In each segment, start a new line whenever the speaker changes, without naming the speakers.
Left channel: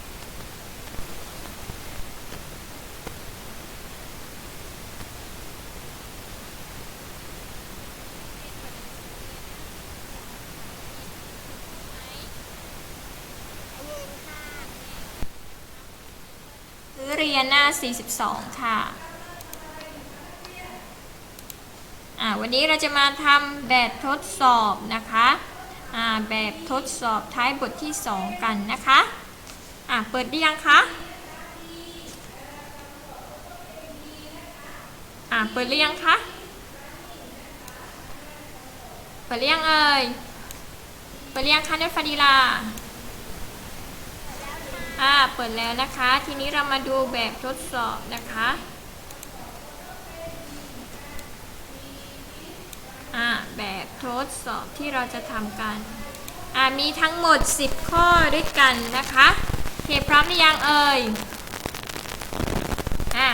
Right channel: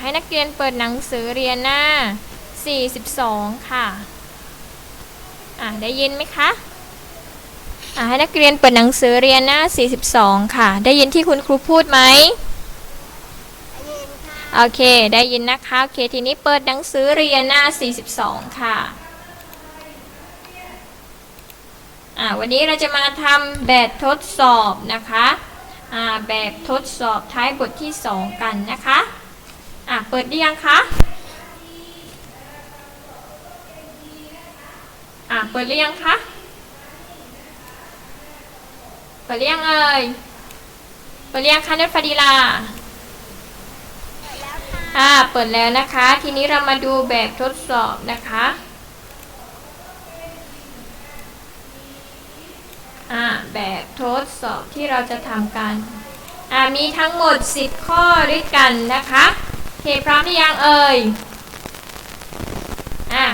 ให้นักเรียนเปิดหนังสือเรียนหน้า 42 ค่ะ อ่าได้ยินไหมคะอ่าให้นักเรียนเปิดหนังสือเรียนหน้า 42 ค่ะ ได้ยินที่คุณครูพูดไหม
ได้ยินค่ะ
โอเค ได้ยินนะคะ โอเค ทีนี้เปิดหนังสือเรียนหน้า 42 ค่ะ อ่า วันนี้เราจะมาทำแบบทดสอบนะคะ อ่า แบบทดสอบท้ายบทที่ 2 กันนะคะ อ่าเปิดได้ยังคะ อ่าเปิดหรือยังคะ เปิดหรือยังเอ่ย เปิดหรือยังคะนัทฟาดีลา
เปิดแล้วค่ะ
อ่า เปิดแล้วนะคะ ทีนี้เรามาดูแบบทดสอบนะคะ อ่า แบบทดสอบที่เราจะทำกัน อ่า มีทั้งหมด 10 ข้อด้วยกันนะคะโอ เคพร้อมหรือยังเอ่ย อ่า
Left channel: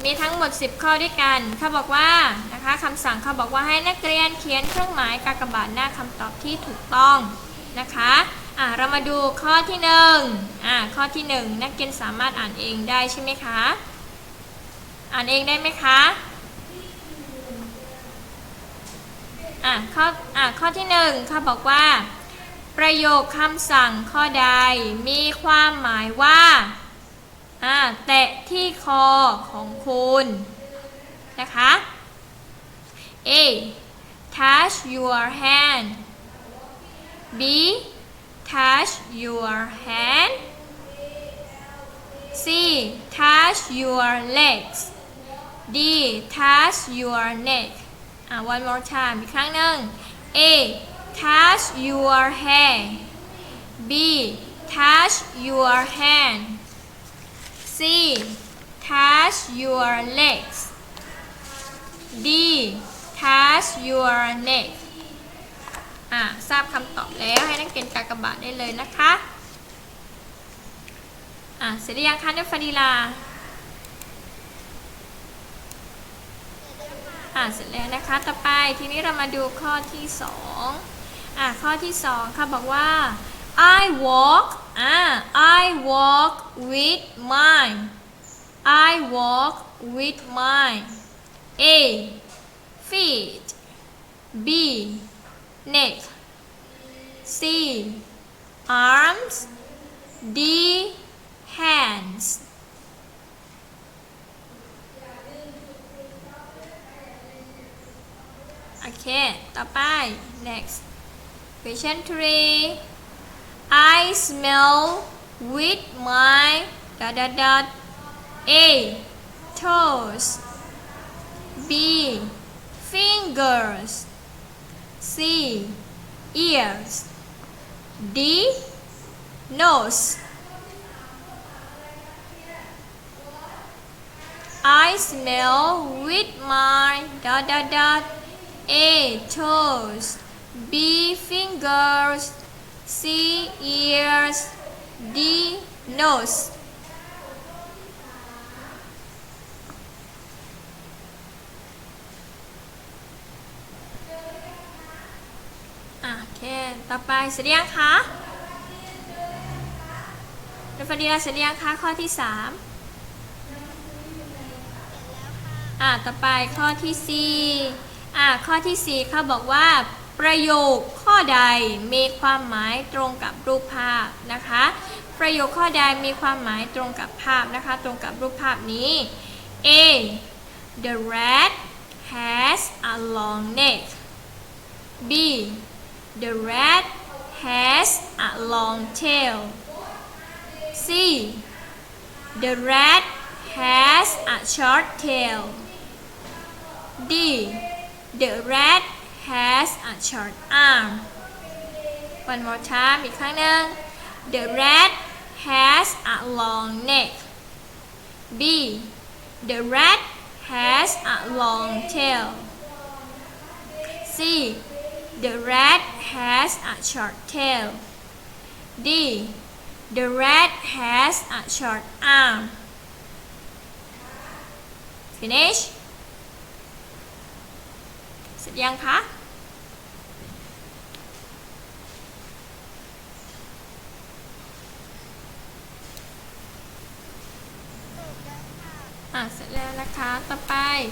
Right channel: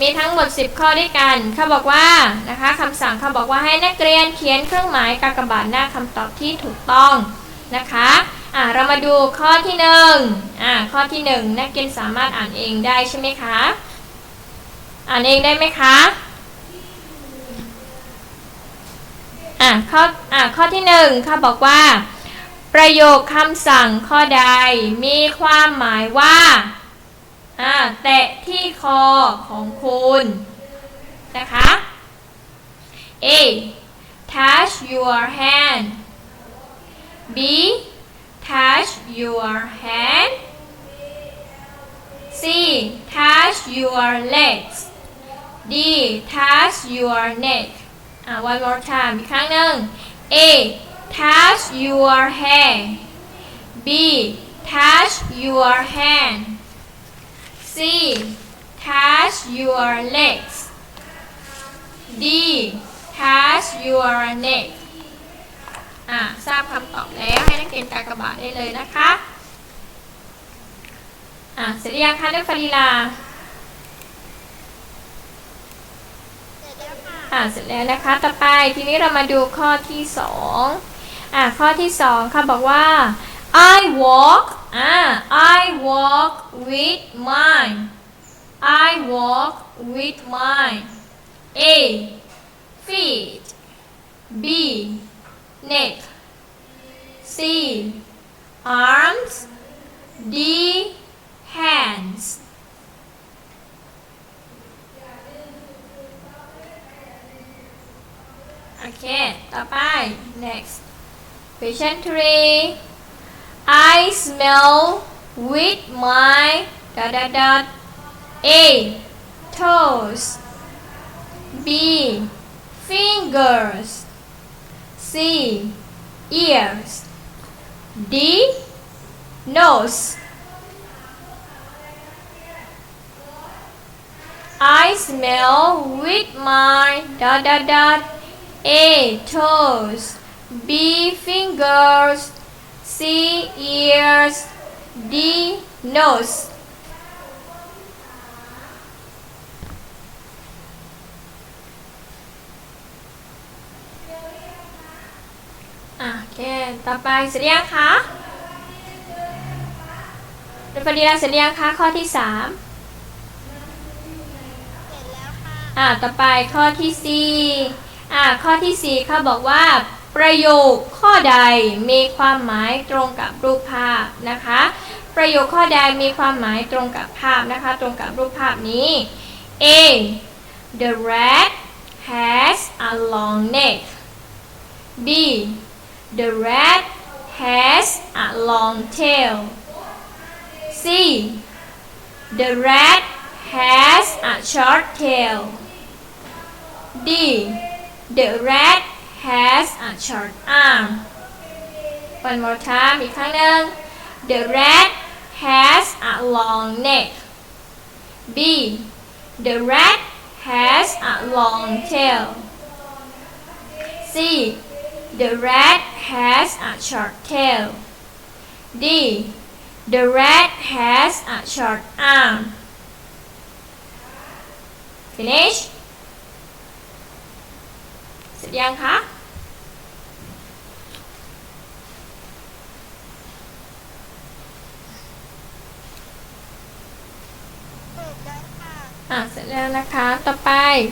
มีทั้งหมด 10 ข้อด้วยกัน เขาบอกว่านะคะคำสั่งเขาบอกว่าให้นักเรียนเขียนเครื่องหมายกากบาทหน้าคำตอบที่ถูกต้องนะคะ อ่าเรามาดูข้อที่หนึ่งอ่าข้อที่หนึ่งนักเรียนสามารถอ่านเองได้ใช่ไหมคะ อ่านเองได้ไหมคะอ่าข้ออ่าข้อที่หนึ่งเขาบอกว่า ประโยคคำสั่งข้อใดมีความหมายว่าแตะที่คอของคุณนะคะ A touch your hand B touch your hand C touch your legs D touch your neck อ่า one more time อีกครั้งหนึ่ง A touch your hair B touch your hand C touch your legs D touch your neck อ่าทราบคำตอบแล้วให้นักเรียนกากบาทได้เลยนะคะอ่าเสร็จยังคะนักฟารีลา
เสร็จแล้วค่ะ
อ่าเสร็จแล้วนะคะ ต่อไปทีนี้เรามาดูข้อที่สอง อ่าข้อที่สองค่ะบอกว่า I walk อ่า I walk with mine I walk with mine A feet B neck C arms D hands โอเค ต่อไป next question three. I smell with my dot dot dot. A. Toes. B. Fingers. C. Ears. D. Nose. I smell with my dot dot dot. A. Toes B fingers C ears D nose อะโอเคต่อไปเสร็จยังคะเรียนปริญญาเสร็จยังคะข้อที่สาม
เสร็จแล้วค่ะ
อ่าต่อไปข้อที่สี่อ่าข้อที่สี่เขาบอกว่า ประโยคข้อใดมีความหมายตรงกับรูปภาพนะคะ ประโยคข้อใดมีความหมายตรงกับภาพนะคะ ตรงกับรูปภาพนี้ A the rat has a long neck B the rat has a long tail C the rat has a short tail D. The rat has a short arm. One more time อีกครั้งหนึ่ง The rat has a long neck. B. The rat has a long tail. C. The rat has a short tail. D. The rat has a short arm. Finish? เสร็จยังคะ นะคะ อไป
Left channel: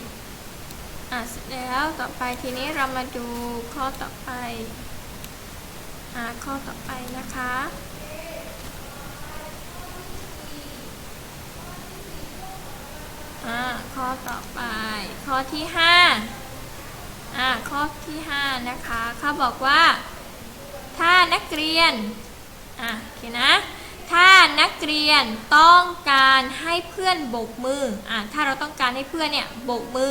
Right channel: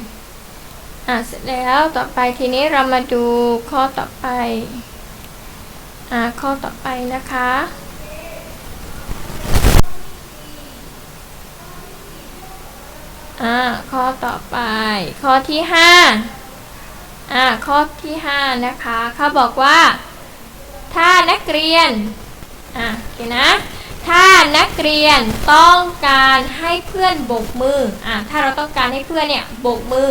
อะเสร็จแล้วต่อไปทีนี้เรามาดูข้อต่อไปอ่าข้อต่อไปนะคะ อ่าข้อต่อไป ข้อที่ห้าอ่าข้อที่ห้านะคะเขาบอกว่า ถ้านักเรียน อะโอเคนะ นักเรียนต้องการให้เพื่อนโบกมืออะถ้าเราต้องการให้เพื่อนเนี่ยโบกมือ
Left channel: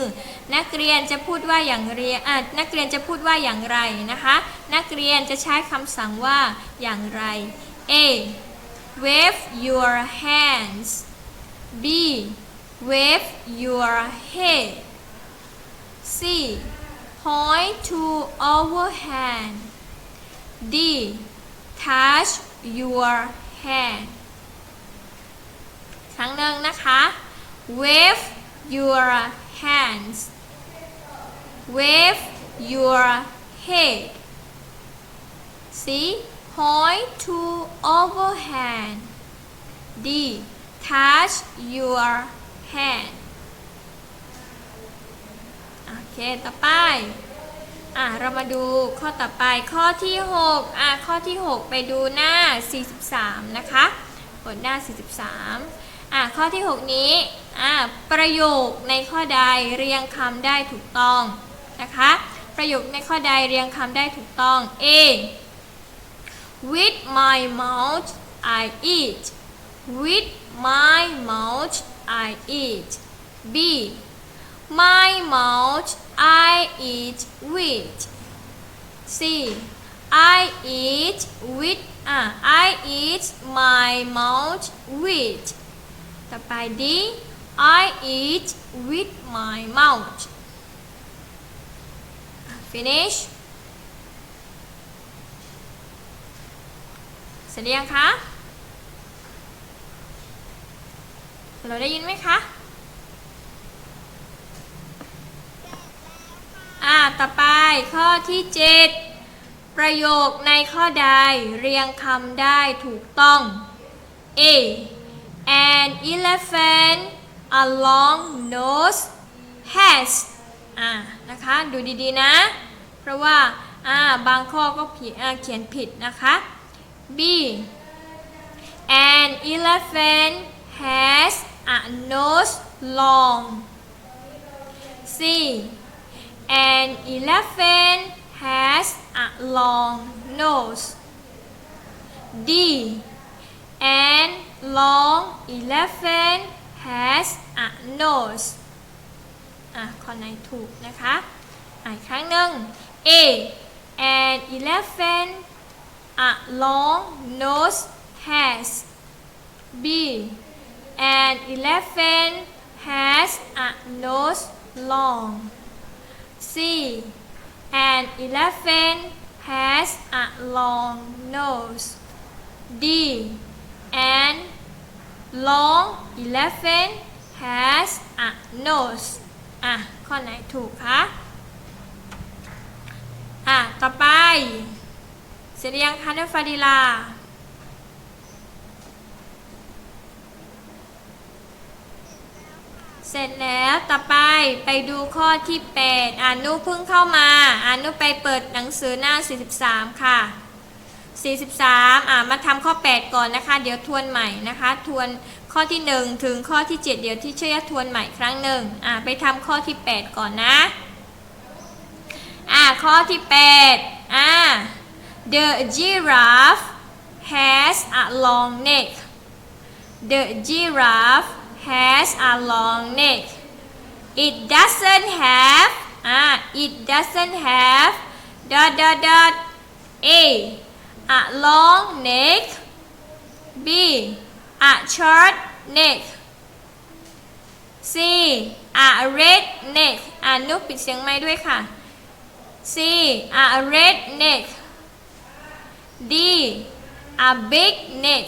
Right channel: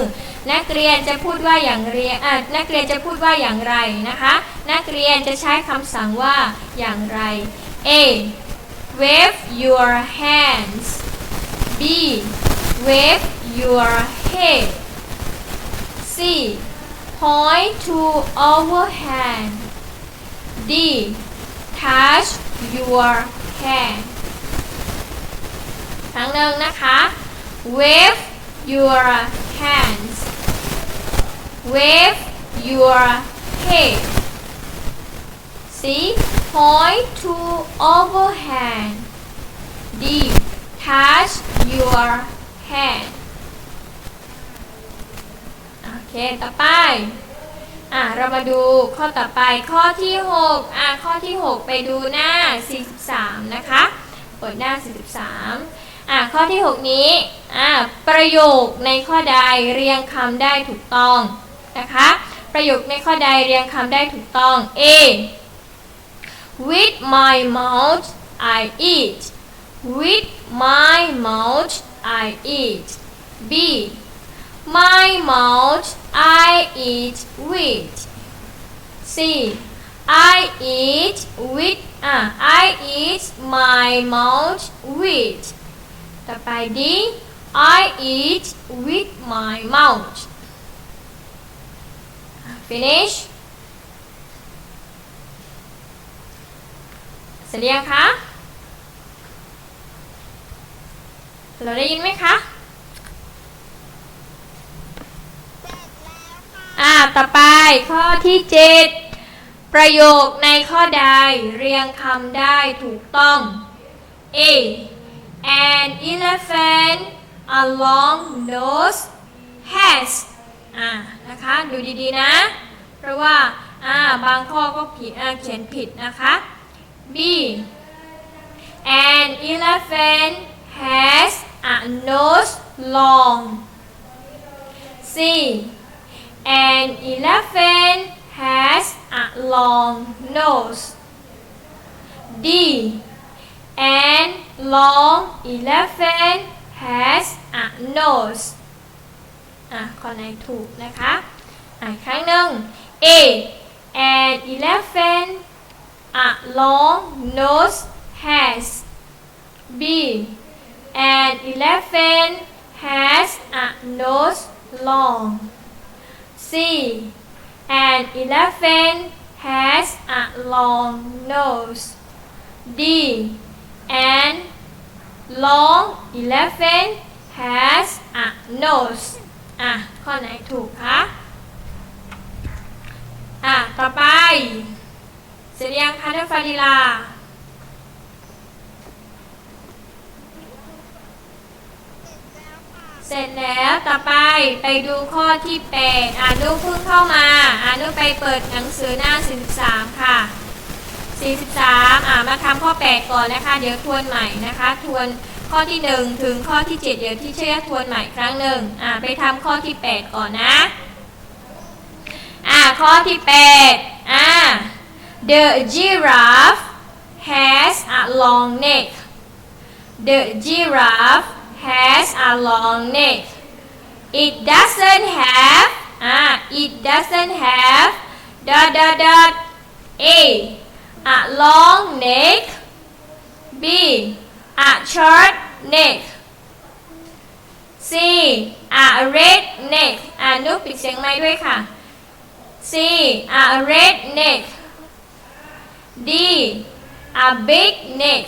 นักเรียนจะพูดว่าอย่างเรียนอะนักเรียนจะพูดว่าอย่างไรนะคะ นักเรียนจะใช้คำสั่งว่าอย่างไร A wave your hands B wave your head C point to our hand D touch your hand รั้งหนึ่งนะคะ wave your hands wave your head C point to our hand D touch your hand โอเค ต่อไปอะเรามาดูข้อต่อไปข้อที่ 6 อะ ข้อที่ 6 ไปดูหน้า 43 นะคะ เปิดหน้า 43 อะข้อที่ 6 นี้อะประโยคในข้อใดเรียงคำได้ถูกต้องนะคะ ประโยคในข้อใดเรียงคำได้ถูกต้อง A With my mouth I eat With my mouth I eat B My mouth I eat with C I eat with อะ I eat my mouth with ต่อไป D I eat with my mouth finish เสร็จยังคะเราได้ยินไหมคะ
เสร็จแล้วค่ะ
อ่าต่อไปข้อที่7ประโยคในข้อใดเรียงคำได้ถูกต้อง A An elephant a long nose has อ่านะคะดูดีๆนะ เพราะว่าอ่าบางข้อก็ผิดเขียนผิดนะคะ B An elephant has a nose long C An elephant has a long nose. D. An long elephant has a nose. อ่ะข้อไหนถูกนะคะ อ่ะอีกครั้งหนึ่ง A. An elephant a long nose has. B. An elephant has a nose long. C. An elephant has a long nose. D. and long elephant has a nose. อะ ข้อไหนถูกคะอะ ต่อไป เสร็จยังคะนักฟาดิลา เสร็จแล้วต่อไปไปดูข้อที่ 8 อ่านลูกเพิ่งเข้ามา อ่านลูกไปเปิดหนังสือหน้า 43 ค่ะ 43อ่ามาทำข้อ 8 ก่อนนะคะ เดี๋ยวทวนใหม่นะคะ ทวนข้อที่ 1 ถึงข้อที่ 7 เดี๋ยวที่เชื่อทวนใหม่ครั้งหนึ่งอ่าไปทำข้อที่ 8 ก่อนนะอ่าข้อที่ 8อ่า The giraffe has a long neck The giraffe has a long neck. It doesn't have ah it doesn't have dot dot dot a a long neck b a short neck c a red neck อ่านุกปิดเสียงไม้ด้วยค่ะ c a red neck d a big neck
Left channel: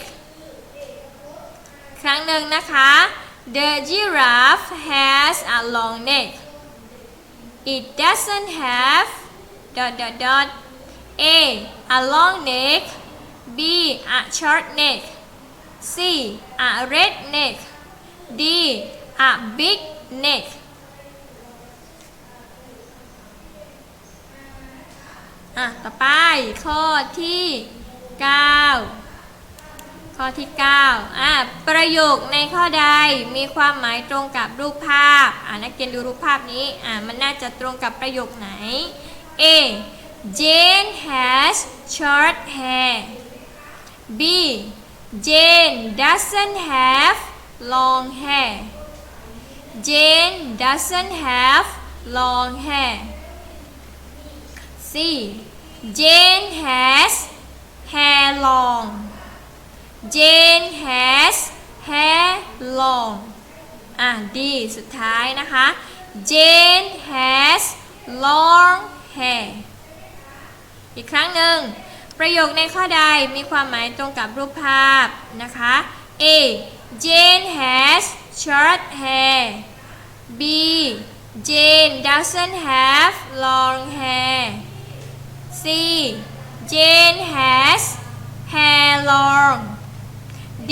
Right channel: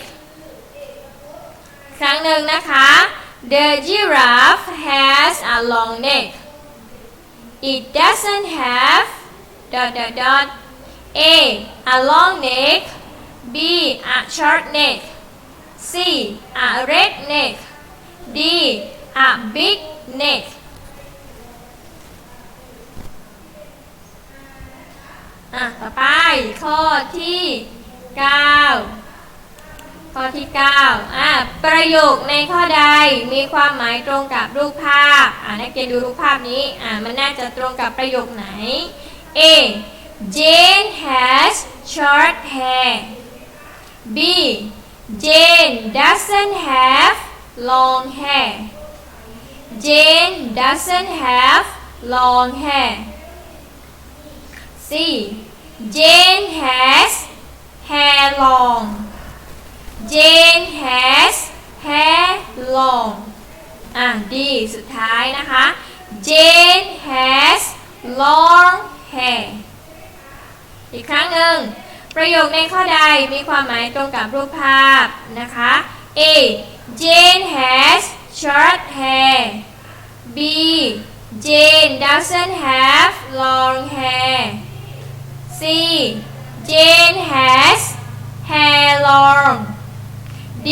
ครั้งหนึ่งนะคะ The giraffe has a long neck. It doesn't have dot dot dot A a long neck B a short neck C a red neck D a big neck อะ ต่อไป ข้อที่ 9 ข้อที่ 9 อะ ประโยคในข้อใดมีความหมายตรงกับรูปภาพ อะ นักเรียนดูรูปภาพนี้ อะ มันน่าจะตรงกับประโยคไหน A Jane has short hair B Jane doesn't have long hair Jane doesn't have long hair C Jane has hair long Jane has hair long อ่ะดีสุดท้ายนะคะ Jane has long hair อีกครั้งหนึ่ง ประโยคในข้อใดมีความหมายตรงกับรูปภาพนะคะ A Jane has short hair B Jane doesn't have long hair C Jane has hair long D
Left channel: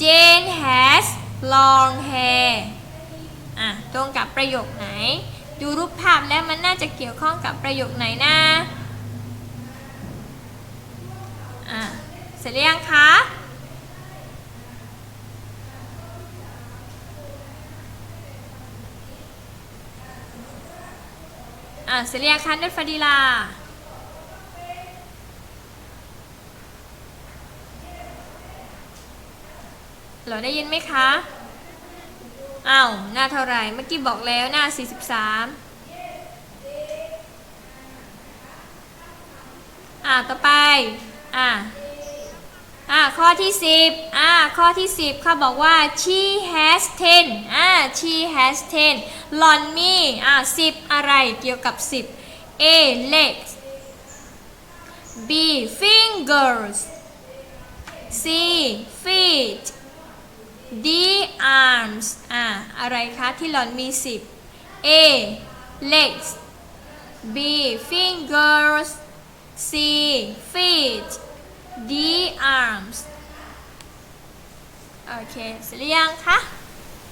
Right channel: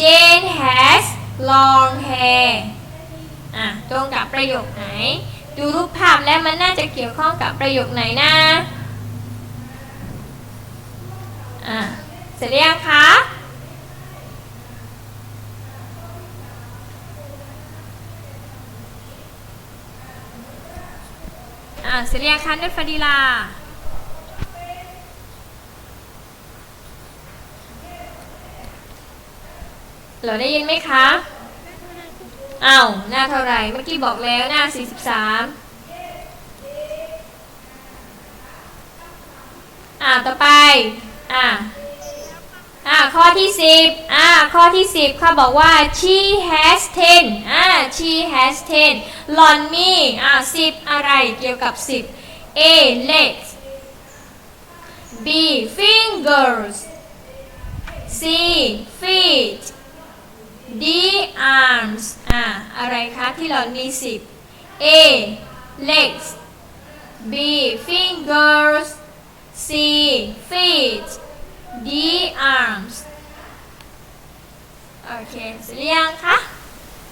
Jane has long hair อะ ตรงกับประโยคไหน ดูรูปภาพแล้วมันน่าจะเกี่ยวข้องกับประโยคไหนนะอะเสร็จหรือยังคะอะเสร็จหรือยังคะนัทฟดีลาเราได้ยินไหมคะ อ้าวหน้าเท่าไหร่เมื่อกี้บอกแล้วหน้า 43 อ่าต่อไป อ่าอ่าข้อที่ 10อ่าข้อที่ 10เขาบอกว่า she has 10อ่า she has 10หล่อนมีอ่า10 อะไรเกี่ยวกับ 10 A legs B fingers C feet D arms อ่าอะไรคะ ที่หล่อนมี10 A legs B fingers C feet D arms โอเคเสร็จหรือยังคะ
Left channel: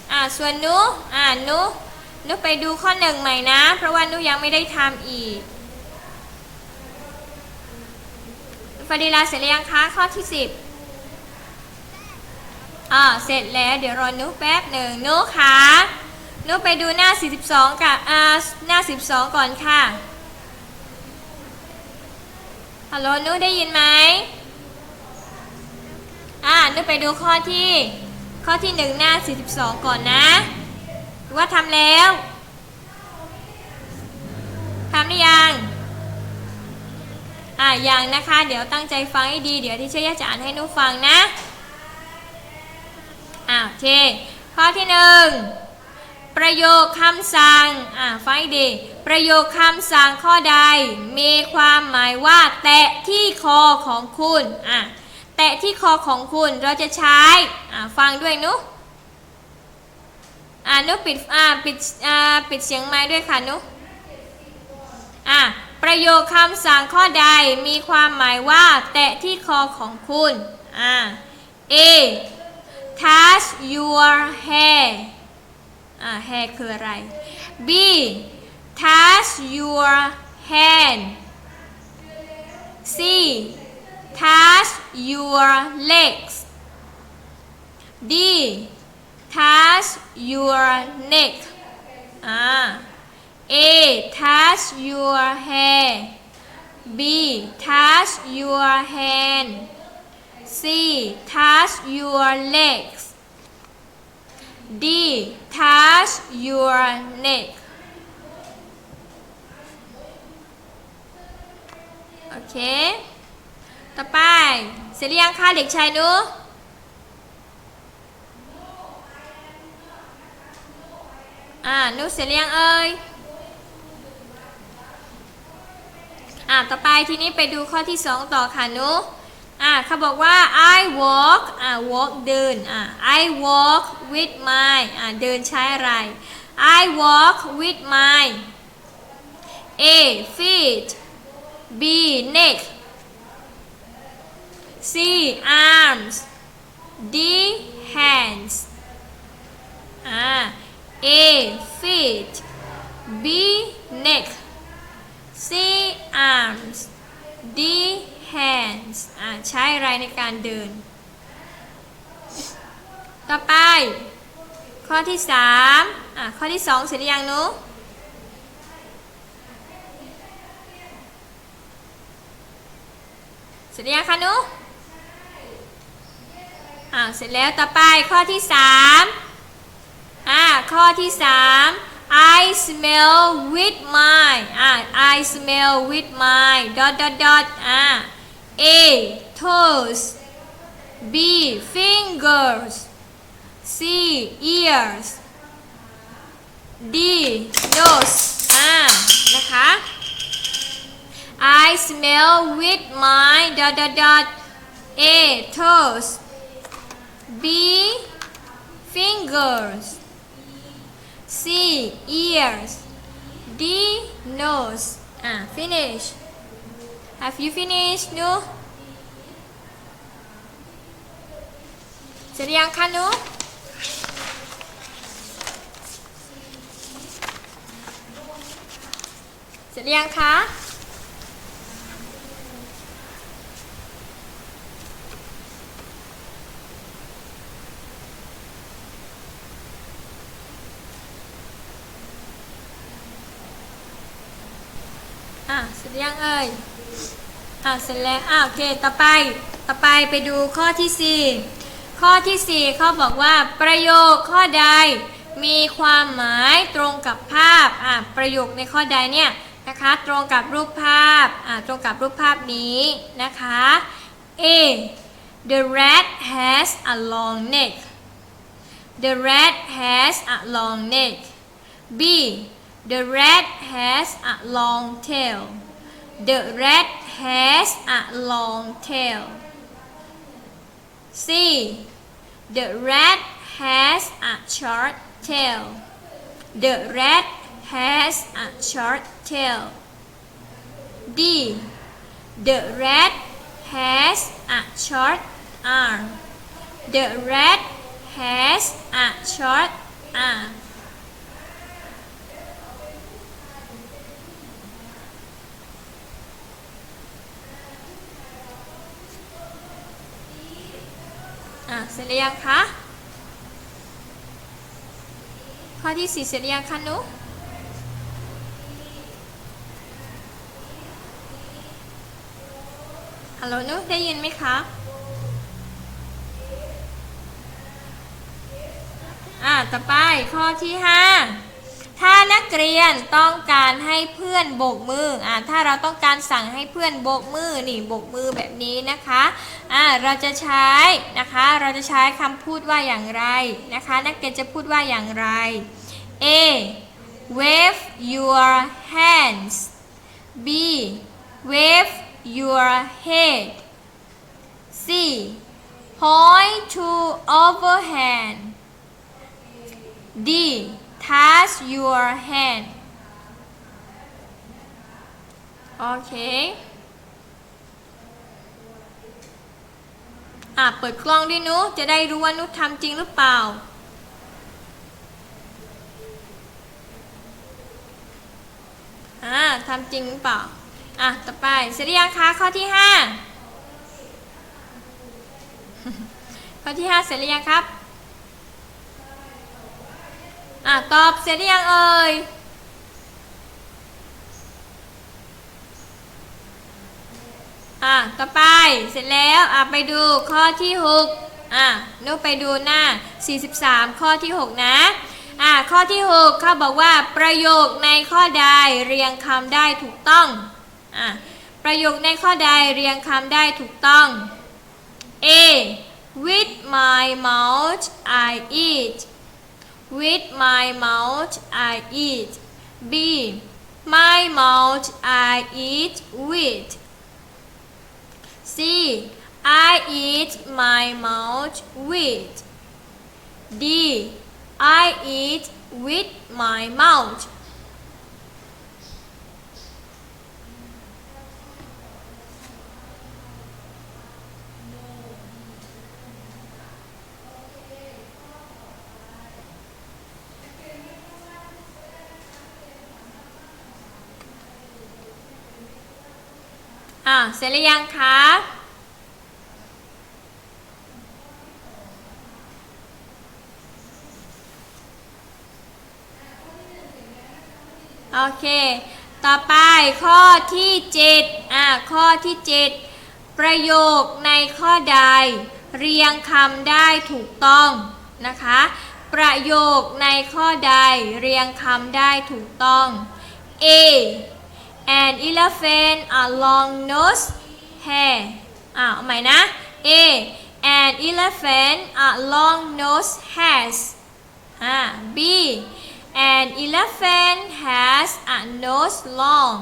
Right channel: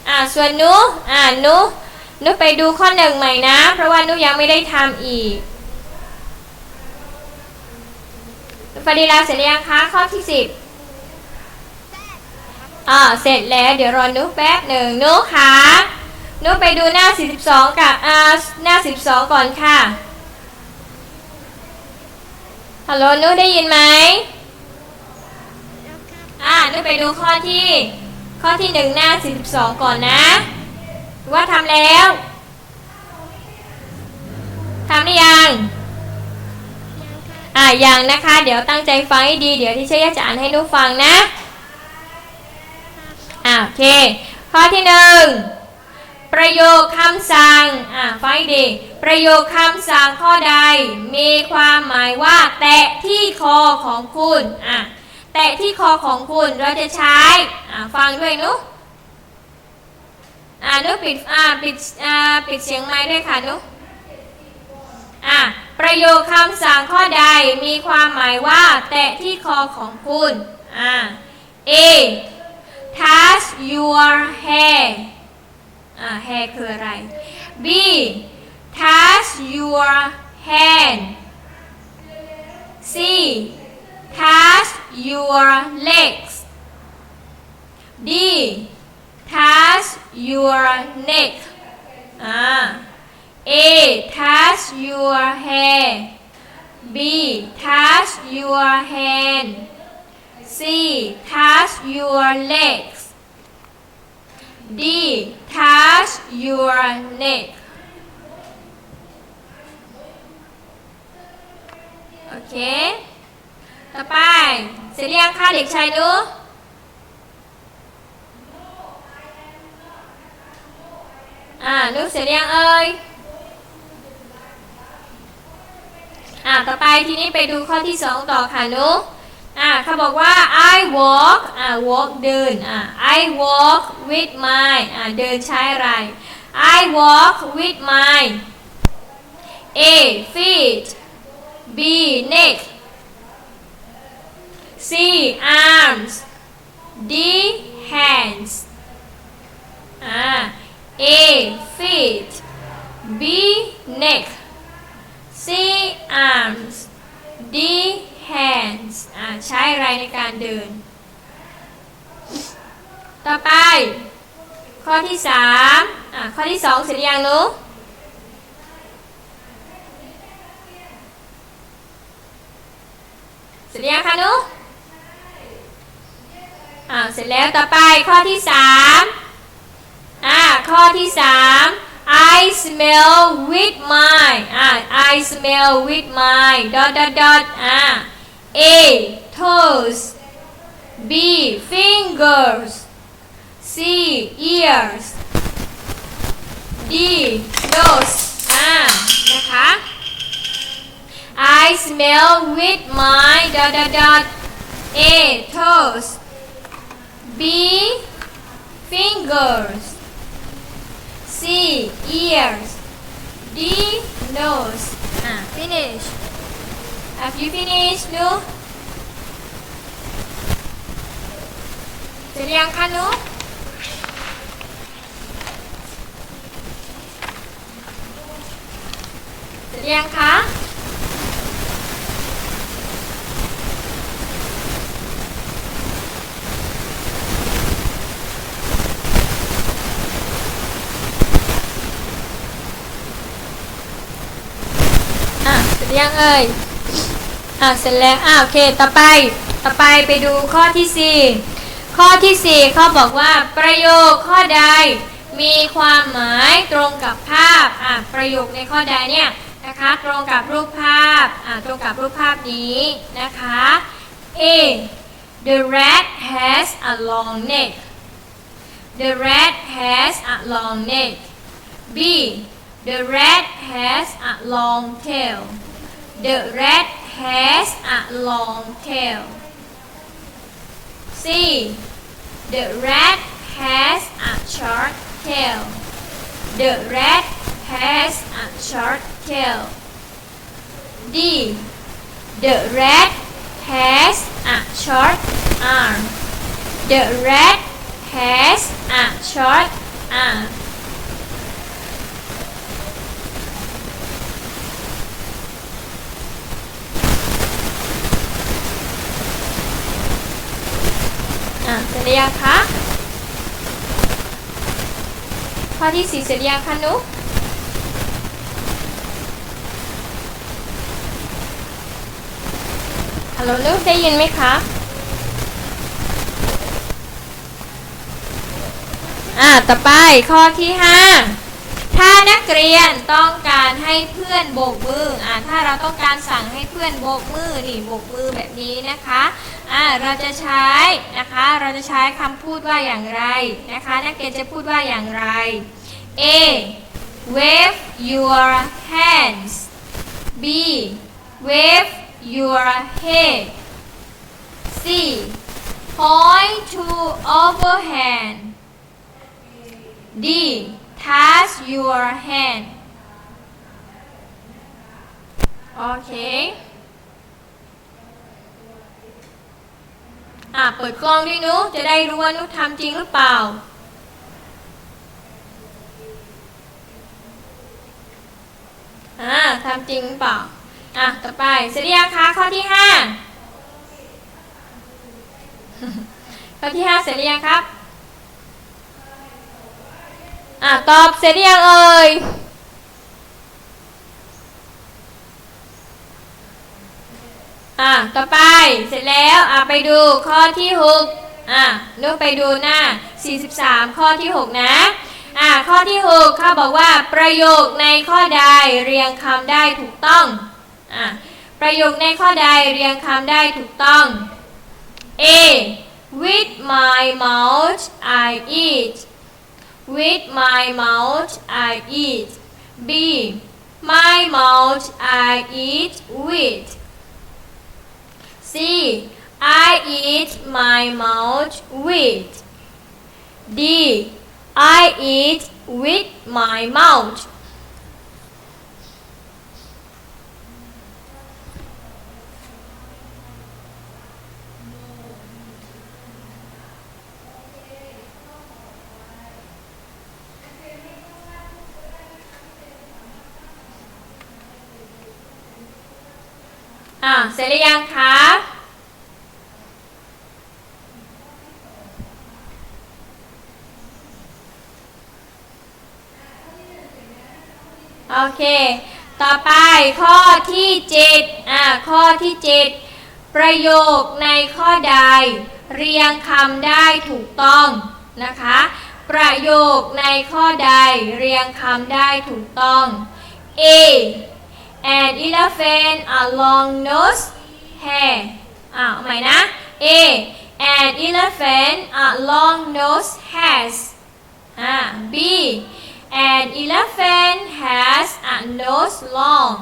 อ่าส่วนนูอ่านูหนูไปดูข้อหนึ่งใหม่นะ เพราะว่านูยังไม่ได้ทำอีกฟาริลาเสร็จหรือยังคะ ข้อที่10 อ่าเสร็จแล้วเดี๋ยวรอนุแป๊บหนึ่งนุค่ะนุไปดูหน้า 42 กับอ่าหน้า 42 ก่อนค่ะฮัลโหลนุได้ยินไหมอ่านุไปดูข้อที่ ข้อที่1หน้า 42 ก่อนนะ ว่าทำแล้วทำหรือยังอ่ายังนะคะ เดี๋ยวตั้งใจฟังให้ดี เดี๋ยวที่เชยจะอ่านให้นุฟังนะ อ่าโอเค ข้อที่หนึ่งประโยคคำสั่ง อ่าฟังให้ดี ประโยคคำสั่งข้อใด มีความหมายว่า แตะที่คอของคุณ อ่าแตะที่คอของคุณเราจะใช้ อ่าฟังด้วยนุอ่านุปิด อ่าปิด อ่าปิดเสียงไม้ด้วยค่ะนุอ่าประโยคคำสั่งข้อใดมีความหมายว่า แตะที่คอของคุณ อ่า A your hair อ่า hair คืออะไร B touch your hand C touch your legs D touch your neck อ่า A touch your hair B touch your hand C. Touch your legs. D. Touch your neck. โอเค ต่อไป เสร็จหรือยังคะเด็กชายหนูอ่านุเสร็จยังเอ่ยอ่าต่อไปทีนี้ไปดูข้อที่สองต่อค่ะหนูอ่าเขาบอกว่า I walk อ่า walk เดินอ่า I walk with mine อ่าเดินใช้อะไร? Uh, I walk with mine A feet B neck C arms D hands อ่า A feet B neck C arms D hands. อ่าใช้อะไรในการเดิน? ต่อไป ข้อที่สามอะข้อที่สองเสร็จยังลูกเสร็จยังคะลูกอ่าเสร็จแล้วต่อไปข้อที่สามอ่าข้อที่สาม I smell with my อ่า I smell with my dot dot dot อ่า A toes B fingers C ears D nose อ่า นะคะ I smell with my dot dot dot A toes B fingers C ears D nose อ่า finish Have you finished หนูเสร็จยังคะหนู เร็จยังคะ อะเสร็จยังเอ่ย อะเสร็จแล้วอะโอเค ต่อไป ต่อไปไปดูข้อที่สี่ข้อที่สี่เขาบอกว่าประโยคข้อใดมีความหมายตรงกับภาพ อะ ประโยคในข้อใดเนี่ย นะคะ ตรงกับรูปภาพ อ่ะ ตรงกับรูปภาพนี้นะคะ A The rat has a long neck The rat has a long neck B The rat has a long tail The rat has a long tail C The rat has a short tail The rat has a short tail D The rat has a short arm The rat has a short arm อะเสร็จหรือยังคะข้อที่สี่เสร็จหรือยังคะนุก ฮัลโหลนุกได้ยินไหมคะอะต่อไปข้อที่ห้าถ้านักเรียนต้องการให้เพื่อนโบกมืออะถ้าเราต้องการสั่งให้เพื่อนโบกมือนี่โบกมือแบบนี้นะคะอะเราจะใช้นะคะ เราจะใช้คำพูดว่าอย่างไรนะคะ นักเรียนจะพูดว่าอย่างไร A wave your hands B wave your head C point to overhand D touch your hand โอเคอะ เปิดกล้องดินุ จะได้รู้ว่านุทำจริงหรือเปล่า อ่าทำจริงหรือเปล่า อะ ต่อไปเสร็จหรือยังคะข้อที่ห้าข้อที่ห้าเสร็จหรือยังครับ อะ ตอบเสร็จหรือยังเอ่ยอะ ต่อไปเสร็จแล้วอะไปดูข้อที่หกอะนุกไปดูหน้า 43 ข้อที่ 6 นะอะข้อที่ 6 เขาบอกว่าประโยคในข้อใดเรียงคำได้ถูกต้อง อะประโยคในข้อใดเรียงคำได้ถูกต้อง A with my mouth I eat with my mouth I eat B my mouth I eat with C I eat my mouth with D I eat with my mouth ่าเสร็จหรือยังคะ โอเค ต่อไปข้อที่เจ็ดอ่าข้อที่เจ็ดประโยคในข้อใด เรียงคำได้ถูกต้องนะคะ ประโยคในข้อใดเรียงคำได้ถูกต้อง A An elephant a long nose hair อ่าเอาใหม่นะ A An elephant a long nose has อ่า B An elephant has a nose long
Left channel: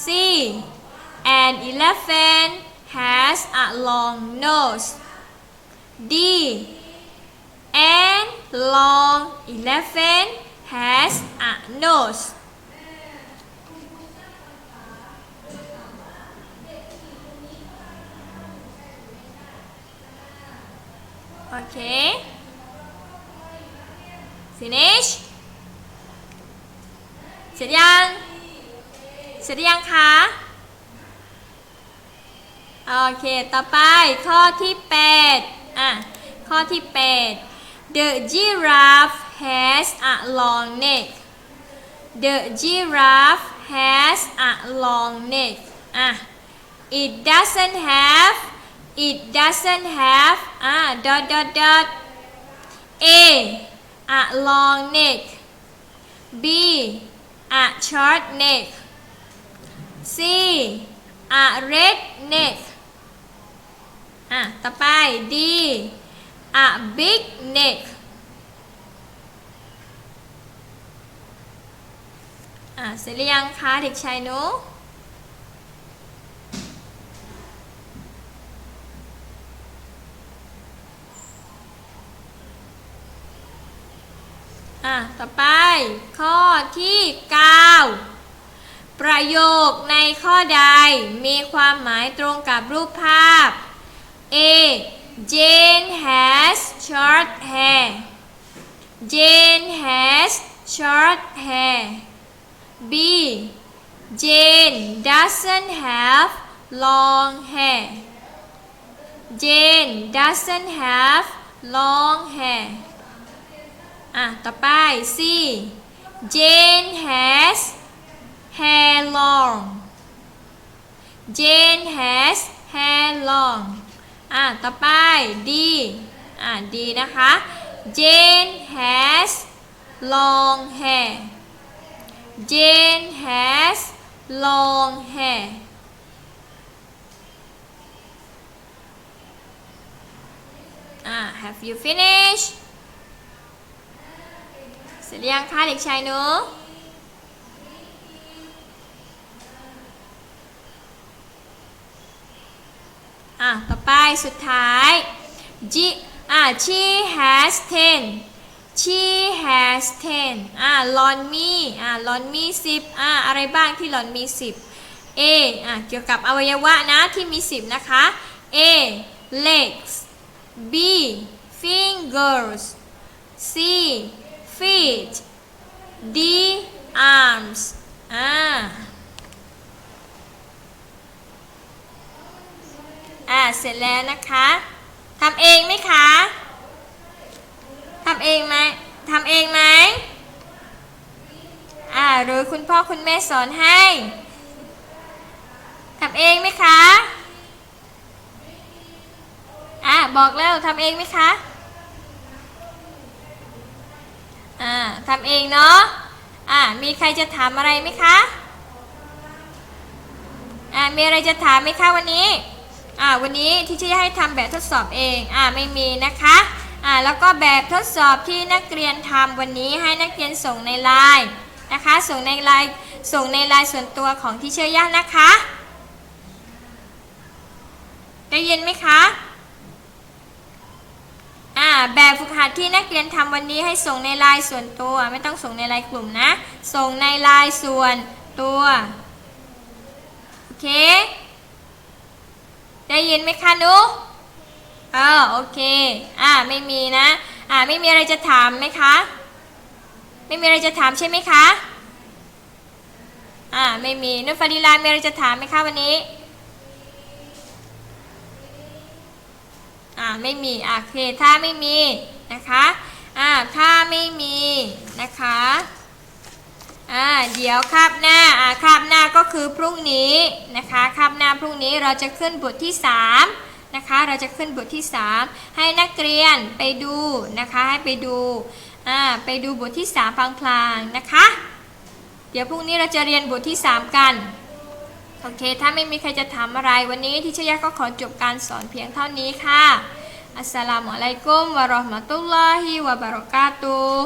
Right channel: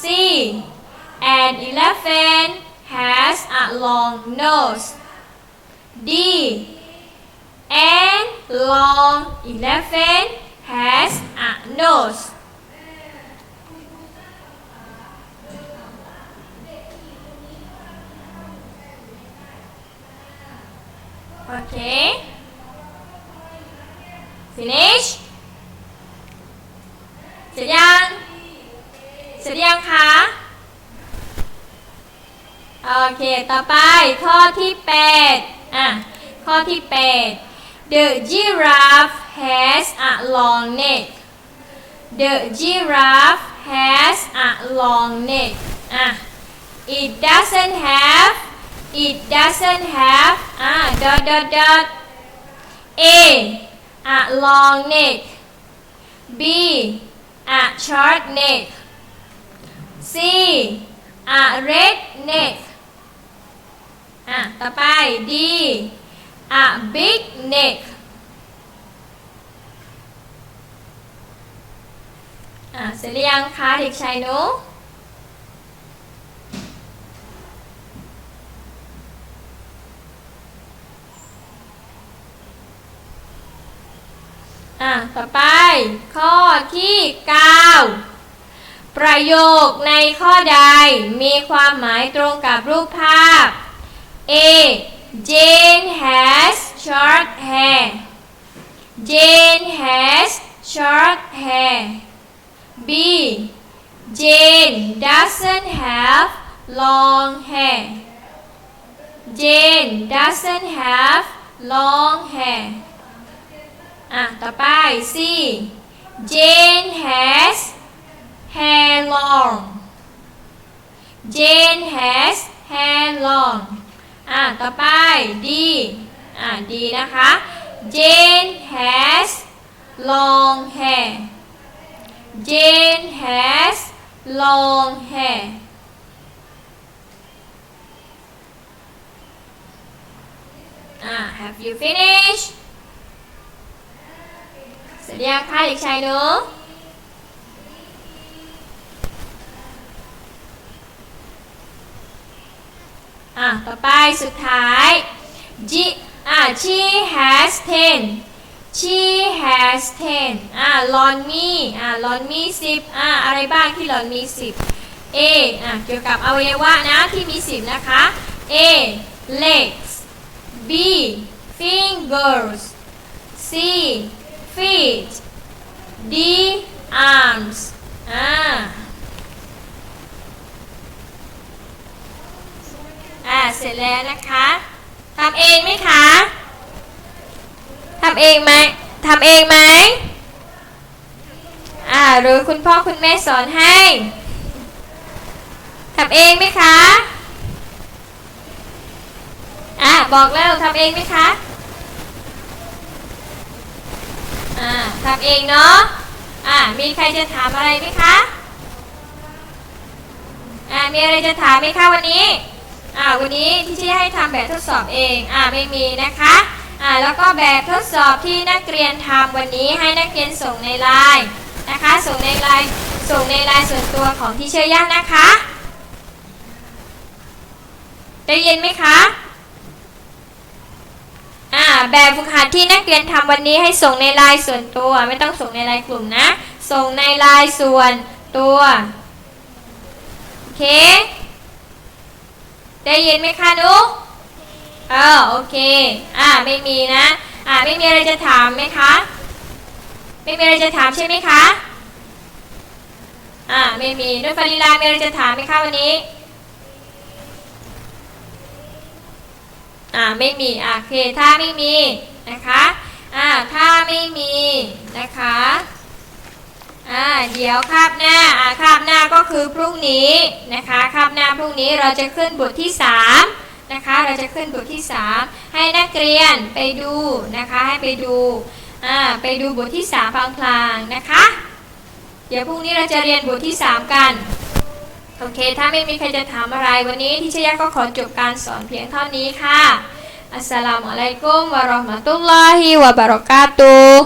C An elephant has a long nose D An long elephant has a nose โอเค finish เสร็จยัง เสร็จยังคะ โอเค ต่อไปข้อที่ 8 อะ ข้อที่ 8 The giraffe has a long neck The giraffe has a long neck อะ It doesn't have It doesn't have อะ dot dot dot A a long neck B a short neck C a red neck อะ ต่อไป D a big neck อะ เสร็จหรือยังคะเด็กชายนูอะ ต่อไป ข้อ ที่ 9 ประโยคในข้อใดมีความหมายตรงกับรูปภาพ A Jane has short hair Jane has short hair B Jane doesn't have long hair Jane doesn't have long hair อะ ต่อไป C Jane has hair long Jane has hair long อะต่อไป D อะ D นะคะ Jane has long hair Jane has long hair อะ Have you finished เสร็จยังคะเด็กชายนูอะ ต่อไปสุดท้าย G อะ she has ten she has ten อะลอนมีอะลอนมีสิบอะอะไรบ้างที่ลอนมีสิบ A อะเกี่ยวกับอวัยวะนะที่มีสิบนะคะ A legs B fingers C feet D arms อ่า อ่า เสร็จแล้วนะคะทำเองไหมคะทำเองไหมทำเองไหมอ่า หรือคุณพ่อคุณแม่สอนให้ทำเองไหมคะ อ่า บอกแล้วทำเองไหมคะ อ่า ทำเองเนาะอ่ามีใครจะถามอะไรไหมคะอ่ามีอะไรจะถามไหมคะวันนี้อ่าวันนี้ที่ชี่ให้ทำแบบทดสอบเองอ่าไม่มีนะคะอ่าแล้วก็แบบทดสอบที่นักเรียนทำวันนี้ให้นักเรียนส่งในไลน์นะคะส่งในไลน์ส่งในไลน์ส่วนตัวของที่เชื่อยากนะคะได้ยินไหมคะ อ่าแบบฝึกหัดที่นักเรียนทำวันนี้ให้ส่งในไลน์ส่วนตัว ไม่ต้องส่งในไลน์กลุ่มนะ ส่งในไลน์ส่วนตัวโอเค ได้ยินไหมคะนุกเออโอเค อ่าไม่มีนะ อ่าไม่มีอะไรจะถามไหมคะ ไม่มีอะไรจะถามใช่ไหมคะ อ่าไม่มีนุ่นฟารีลามีอะไรจะถามไหมคะวันนี้ อ่าไม่มีอ่าโอเคถ้าไม่มีนะคะอ่าถ้าไม่มีนะคะอ่าเดี๋ยวคาบหน้าอ่าคาบหน้าก็คือพรุ่งนี้นะคะคาบหน้าพรุ่งนี้เราจะขึ้นบทที่ 3 นะคะ เราจะขึ้นบทที่ 3 ให้นักเรียนไปดูนะคะให้ไปดูอ่าไปดูบทที่3พลางๆนะคะ เดี๋ยวพรุ่งนี้เราจะเรียนบทที่ 3 กัน โอเค ถ้าไม่มีใครจะถามอะไรวันนี้ที่เชียก็ขอจบการสอนเพียงเท่านี้ค่ะอัสสลามุอะลัยกุมวะเราะห์มะตุลลอฮิวะบะเราะกาตุฮ